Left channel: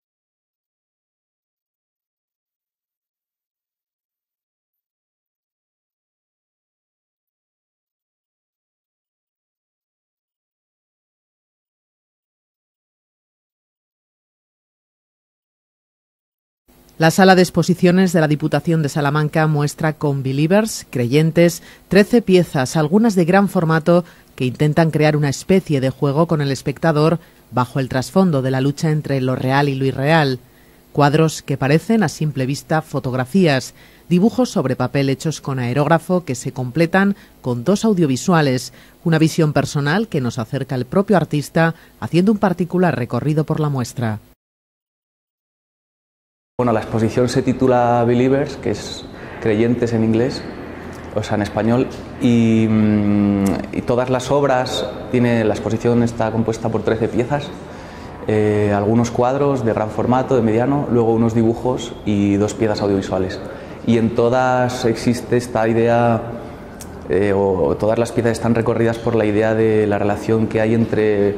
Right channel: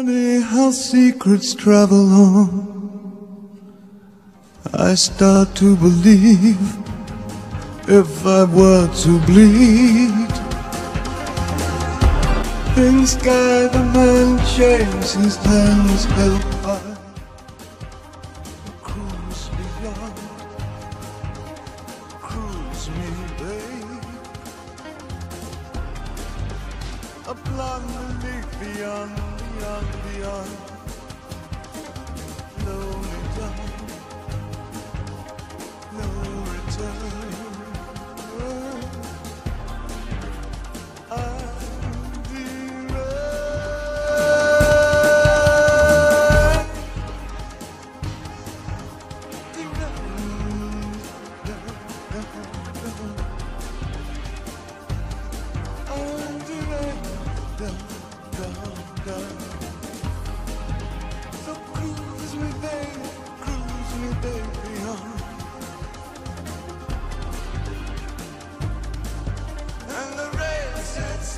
Funny how secrets travel on. I start to believe if I were to bleed. In sky the man shakes his hands held high. La sala de exposiciones de la Diputación de Salamanca muestra Conbelievers, Creyentes, 13 piezas, algunas de gran formato, que intentan crear una especie de juego con el espectador bajo el trasfondo de la lucha entre lo real y lo irreal. Cuadros que parecen a simple vista fotografías, dibujos sobre papel hechos con aerógrafo que se completan con 2 audiovisuales, una visión personal que nos acerca al propio artista haciendo un particular recorrido por la muestra. Bueno, la exposición se titula Believers, que es Creyentes en inglés, o sea, en español, y todas las obras, la exposición está compuesta por 13 piezas, algunos cuadros de gran formato, de mediano, luego unos dibujos y 2 piezas audiovisuales. Y en todas existe esta idea, o todas las piezas están recorridas por la idea de la relación que hay entre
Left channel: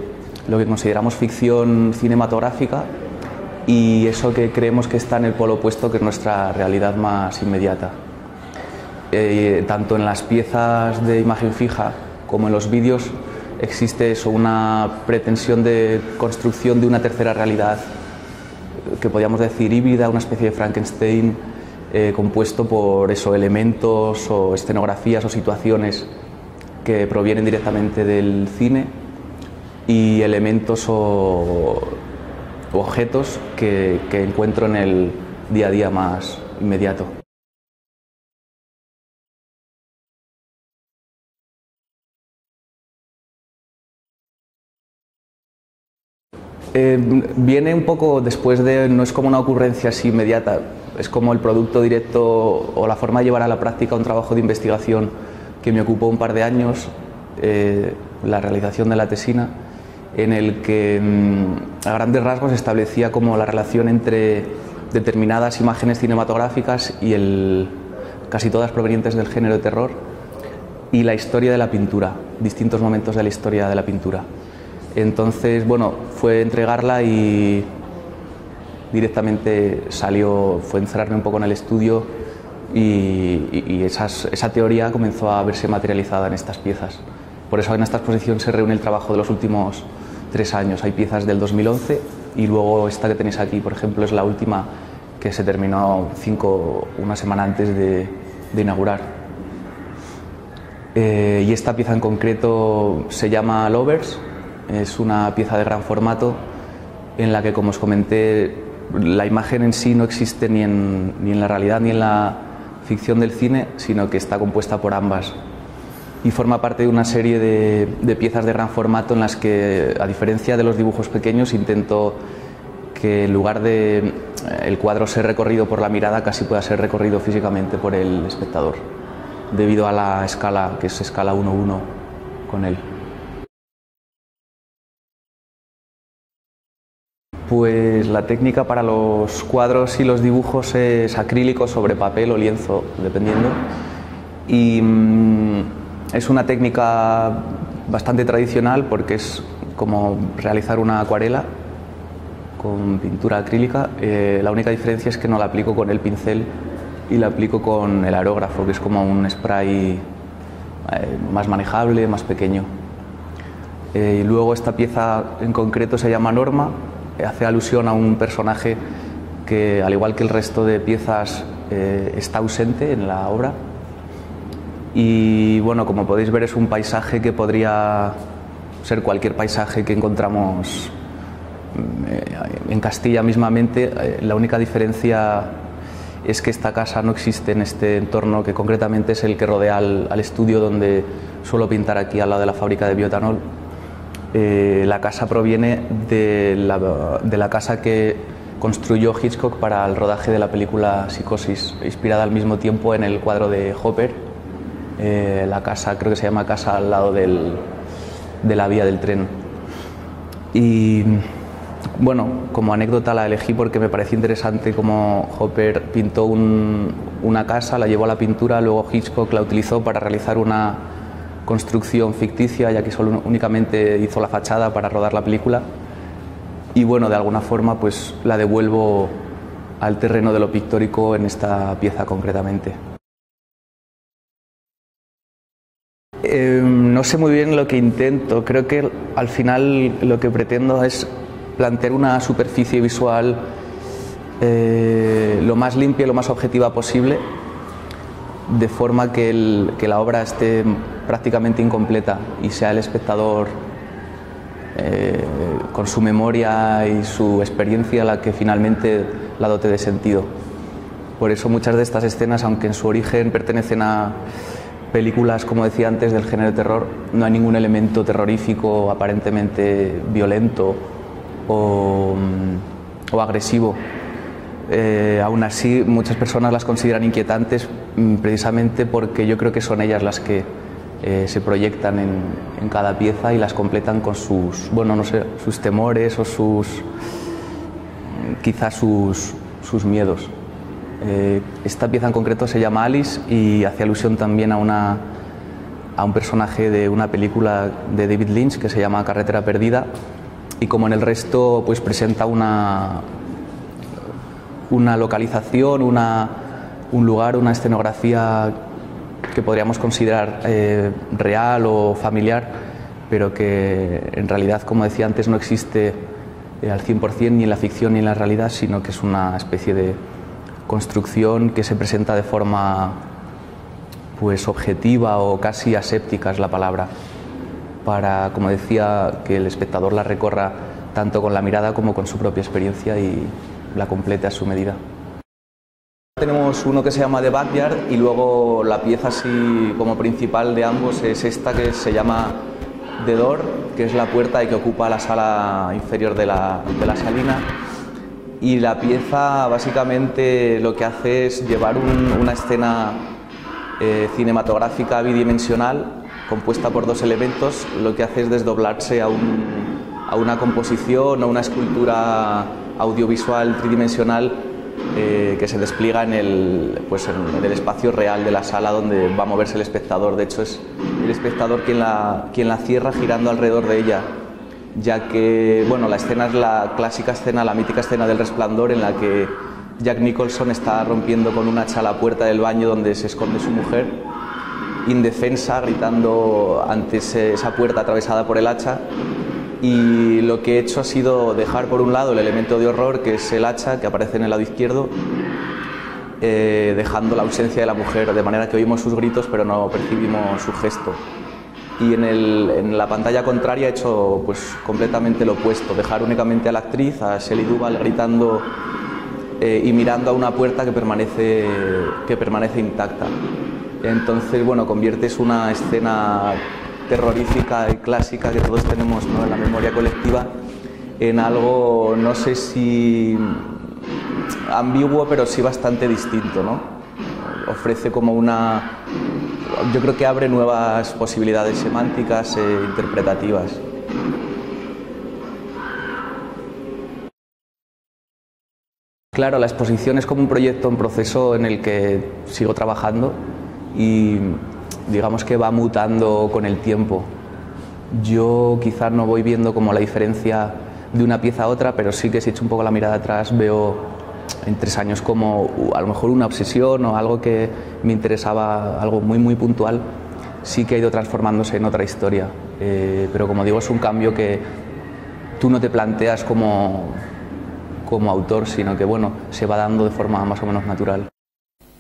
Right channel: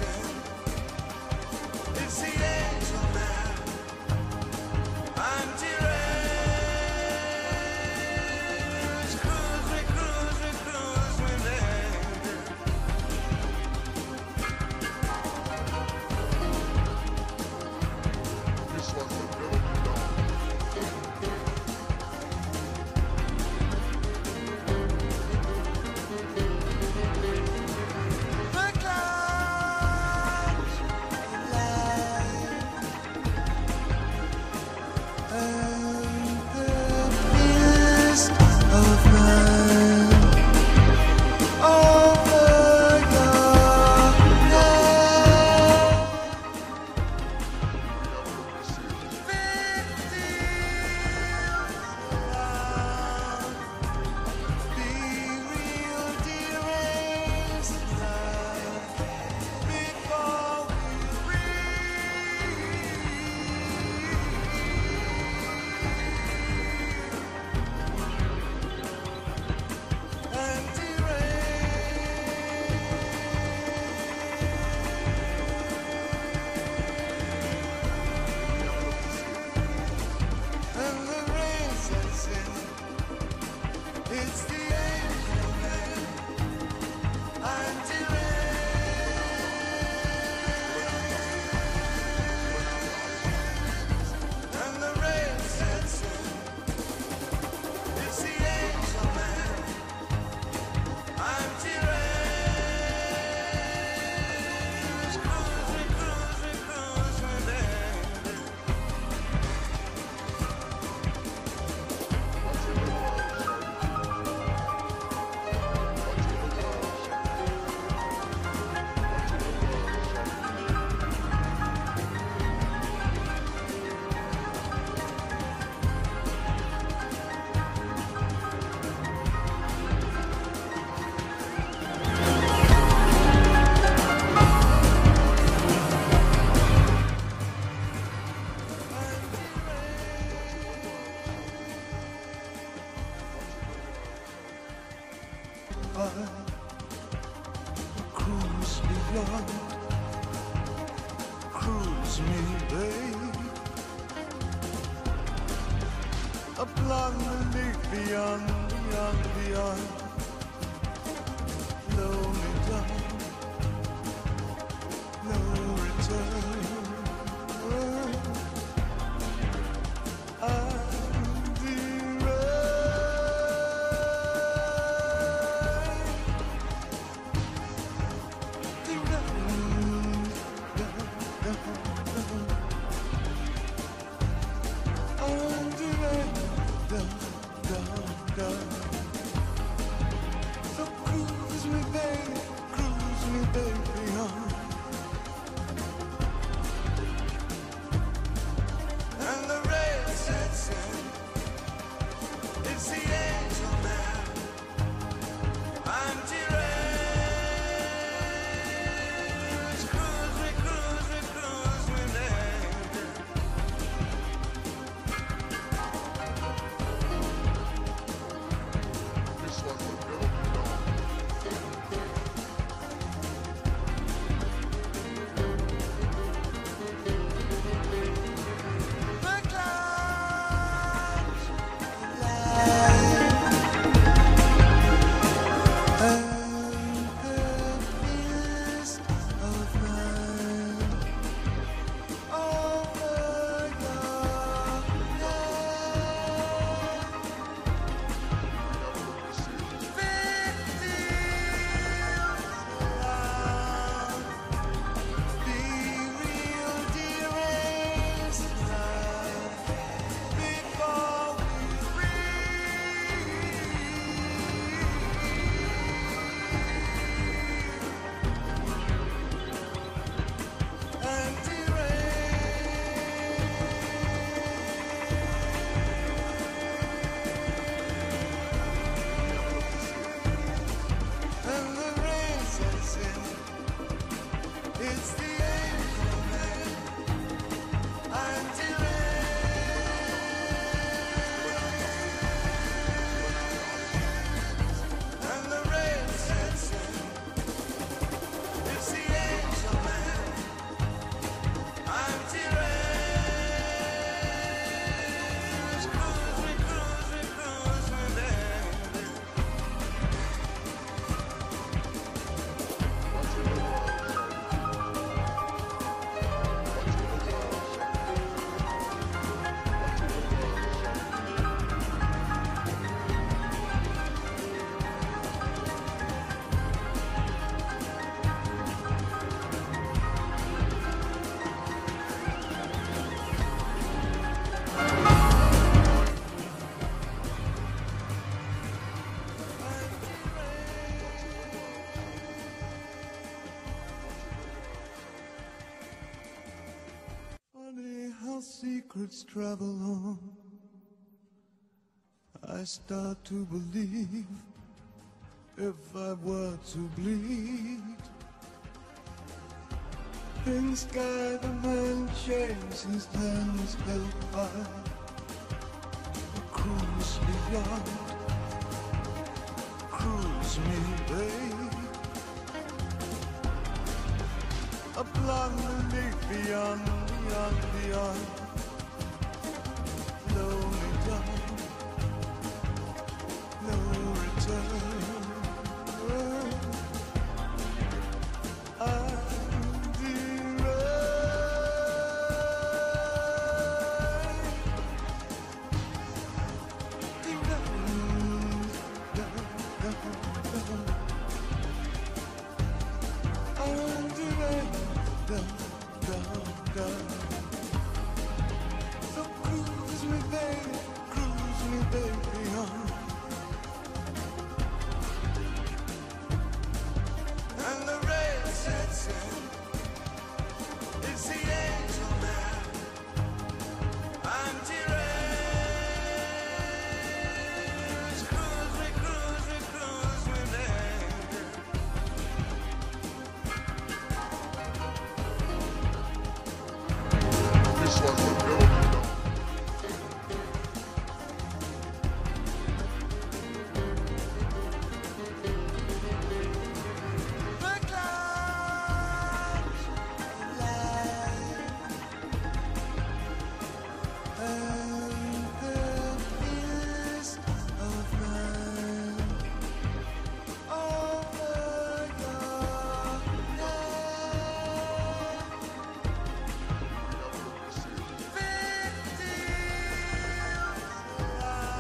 lo que consideramos ficción cinematográfica y eso que creemos que está en el polo opuesto, que es nuestra realidad más inmediata. Tanto en las piezas de imagen fija como en los vídeos existe eso, una pretensión de construcción de una tercera realidad que podríamos decir híbrida, una especie de Frankenstein compuesto por eso, elementos o escenografías o situaciones que provienen directamente del cine y elementos o objetos que encuentro en el día a día más inmediato. Viene un poco después no es como una ocurrencia así inmediata, es como el producto directo o la forma de llevar a la práctica un trabajo de investigación que me ocupó un par de años, la realización de la tesina, en el que a grandes rasgos establecía como la relación entre determinadas imágenes cinematográficas y casi todas provenientes del género de terror y la historia de la pintura, distintos momentos de la historia de la pintura. Entonces, bueno, fue entregarla y directamente fue encerrarme un poco en el estudio y esa teoría comenzó a verse materializada en estas piezas. Por eso en esta exposición se reúne el trabajo de los últimos 3 años. Hay piezas del 2011 y luego esta que tenéis aquí, por ejemplo, es la última que se terminó una semana antes de inaugurar. Y esta pieza en concreto se llama Lovers. Es una pieza de gran formato en la que, como os comenté, la imagen en sí no existe ni en la realidad ni en la ficción del cine, sino que está compuesta por ambas. Y forma parte de una serie de piezas de gran formato en las que, a diferencia de los dibujos pequeños, intento que en lugar de el cuadro ser recorrido por la mirada, casi pueda ser recorrido físicamente por el espectador, debido a la escala, que es escala 1:1 con él. Pues la técnica para los cuadros y los dibujos es acrílico sobre papel o lienzo, dependiendo. Y es una técnica bastante tradicional porque es como realizar una acuarela con pintura acrílica. La única diferencia es que no la aplico con el pincel y la aplico con el aerógrafo, que es como un spray más manejable, más pequeño. Y luego esta pieza en concreto se llama Norma. Hace alusión a un personaje que, al igual que el resto de piezas, está ausente en la obra. Y bueno, como podéis ver, es un paisaje que podría ser cualquier paisaje que encontramos en Castilla mismamente. La única diferencia es que esta casa no existe en este entorno, que concretamente es el que rodea al estudio donde suelo pintar, aquí al lado de la fábrica de bioetanol. La casa proviene de la casa que construyó Hitchcock para el rodaje de la película Psicosis, inspirada al mismo tiempo en el cuadro de Hopper. La casa, creo que se llama Casa al lado de la vía del tren. Y bueno, como anécdota la elegí porque me pareció interesante cómo Hopper pintó una casa, la llevó a la pintura, luego Hitchcock la utilizó para realizar una construcción ficticia, ya que únicamente hizo la fachada para rodar la película. y bueno, de alguna forma pues la devuelvo al terreno de lo pictórico en esta pieza concretamente. No sé muy bien lo que intento, creo que al final lo que pretendo es plantear una superficie visual lo más limpia y lo más objetiva posible, de forma que la obra esté prácticamente incompleta y sea el espectador con su memoria y su experiencia la que finalmente la dote de sentido. Por eso muchas de estas escenas, aunque en su origen pertenecen a películas, como decía antes, del género de terror, no hay ningún elemento terrorífico aparentemente violento o agresivo. Aún así, muchas personas las consideran inquietantes precisamente porque yo creo que son ellas las que se proyectan en cada pieza y las completan con sus, bueno, no sé, sus temores o quizás sus miedos. Esta pieza en concreto se llama Alice y hace alusión también a un personaje de una película de David Lynch que se llama Carretera Perdida, y como en el resto pues presenta una localización, un lugar, una escenografía que podríamos considerar real o familiar, pero que en realidad, como decía antes, no existe al 100% ni en la ficción ni en la realidad, sino que es una especie de construcción que se presenta de forma pues objetiva o casi aséptica es la palabra, para, como decía, que el espectador la recorra tanto con la mirada como con su propia experiencia y la complete a su medida. Tenemos uno que se llama The Backyard y luego la pieza así como principal de ambos es esta que se llama The Door, que es la puerta que ocupa la sala inferior de la salina. Y la pieza básicamente lo que hace es llevar una escena cinematográfica bidimensional compuesta por dos elementos. Lo que hace es desdoblarse a una composición o una escultura audiovisual tridimensional que se despliega en el espacio real de la sala donde va a moverse el espectador. De hecho, es el espectador quien la cierra girando alrededor de ella, ya que bueno, la escena es la clásica escena, la mítica escena del Resplandor, en la que Jack Nicholson está rompiendo con un hacha la puerta del baño donde se esconde su mujer, indefensa, gritando ante esa puerta atravesada por el hacha. Y lo que he hecho ha sido dejar por un lado el elemento de horror, que es el hacha, que aparece en el lado izquierdo, dejando la ausencia de la mujer, de manera que oímos sus gritos pero no percibimos su gesto. Y en la pantalla contraria he hecho pues completamente lo opuesto, dejar únicamente a la actriz, a Shelley Duvall, gritando y mirando a una puerta que permanece intacta. Entonces, bueno, conviertes una escena terrorífica y clásica que todos tenemos, ¿no?, en la memoria colectiva, en algo, no sé si ambiguo, pero sí bastante distinto, ¿no? Ofrece como yo creo que abre nuevas posibilidades semánticas e interpretativas. Claro, la exposición es como un proyecto en proceso en el que sigo trabajando y digamos que va mutando con el tiempo. Yo quizás no voy viendo como la diferencia de una pieza a otra, pero sí que si echo un poco la mirada atrás veo en 3 años como a lo mejor una obsesión o algo que me interesaba, algo muy muy puntual, sí que ha ido transformándose en otra historia. Pero como digo, es un cambio que tú no te planteas como autor, sino que bueno, se va dando de forma más o menos natural.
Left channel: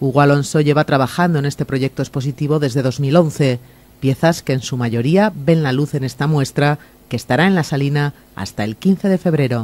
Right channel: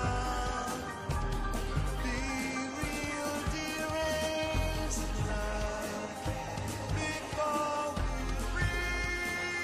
Hugo Alonso lleva trabajando en este proyecto expositivo desde 2011, piezas que en su mayoría ven la luz en esta muestra que estará en la Salina hasta el 15 de febrero.